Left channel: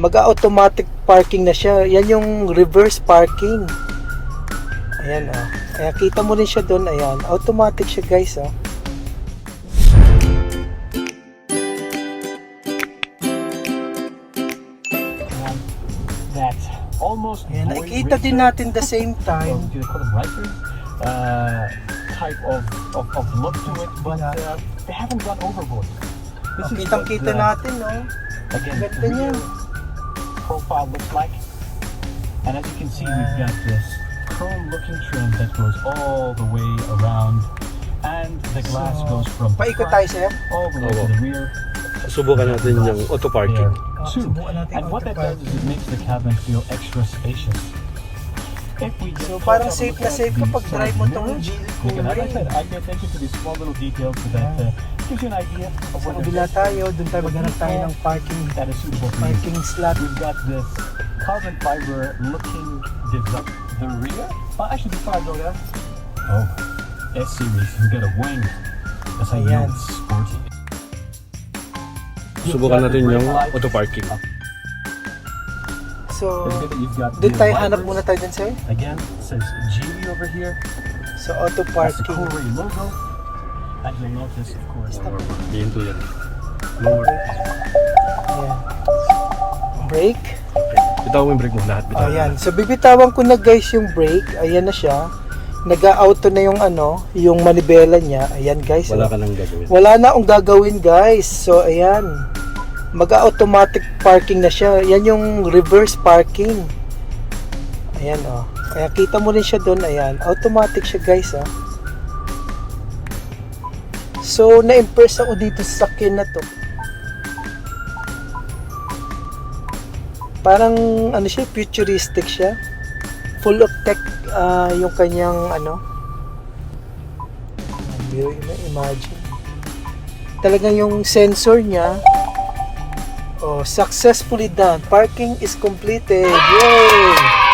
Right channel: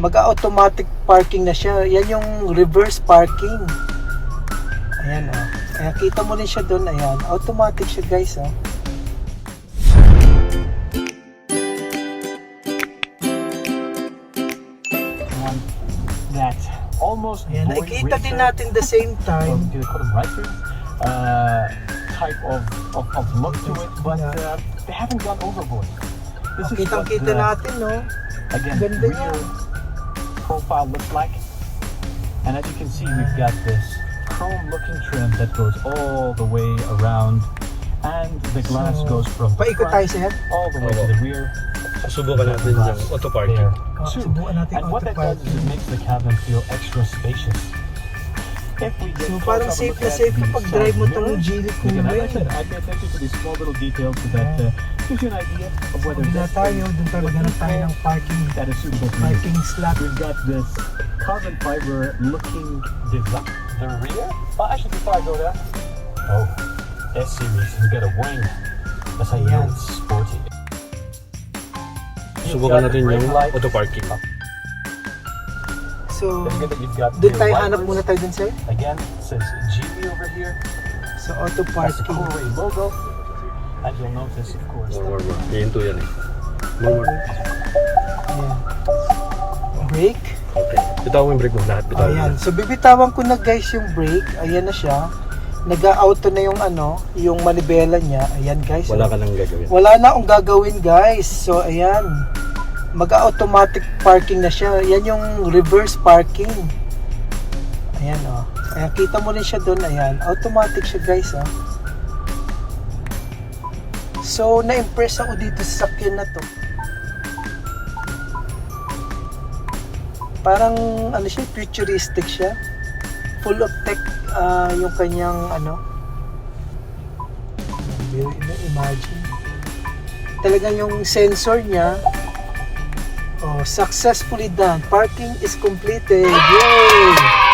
Mag-automatic parking na siya. Yan yung reverse parking. Ayan o. Kaya kita mo rin siya doon. Ayan. Automatic siya guys o. Ayan. Nakikita din natin the same time. Type of look to it, but they haven't gone overboard. Kitang-kita natin o. Again, Ganda niya. Profile looks like, and as you can see, we've got this chrome-looking trim that goes all the way around, and the glass goes from the Paikot tayo front sir. all the way to the rear. Susubukan natin yung auto parking. Subukan natin And what that does auto-parking. is it makes the cabin feel extra spacious. If we get So close parang up safe look na at safe the kapag side drive mo itong mirrors, Geely you can, Coolray. as I said, I pay attention to these small little details so that gives you an idea of Sa whether kabila this tayo, doon tayo maghanap tayo ng parking that is suitable for you. parking slot. We've got this carbon fiber looking design. The rear? Well, actually, before I go there, S-Series, you get a wing. That's how you know it's sporty. Subukan natin yung auto parking. So, You've got doon the tayo wipers. hanap muna tayo dun sir. Again, it says Geely over here. So, auto That's the parking. Coolray logo. And you'll notice, of course, More. Ihinto yan eh. More. Ayan. Brake. Okay. Bitawan mo yung brake mo. Lahat bitawan mo. Ayan. So, bibitawan ko na guys yung brake. Ayan na siya. Nag-auto na yung yung manibela niya. Ayan guys. Wala ka nang gagawin. Wala na akong gagawin guys. So, ayan. Mag-automatic parking na siya. Yan yung reverse parking. Ayan o. Kaya kita mo rin siya doon. Ayan. Automatic siya guys o. So, na-impress ako dito sa sakyan na to. Parang siya, futuristic siya. Full of tech yung kanyang imagine. Talagang yung sensor niya. Oh, successfully done. Parking is completed. Yay!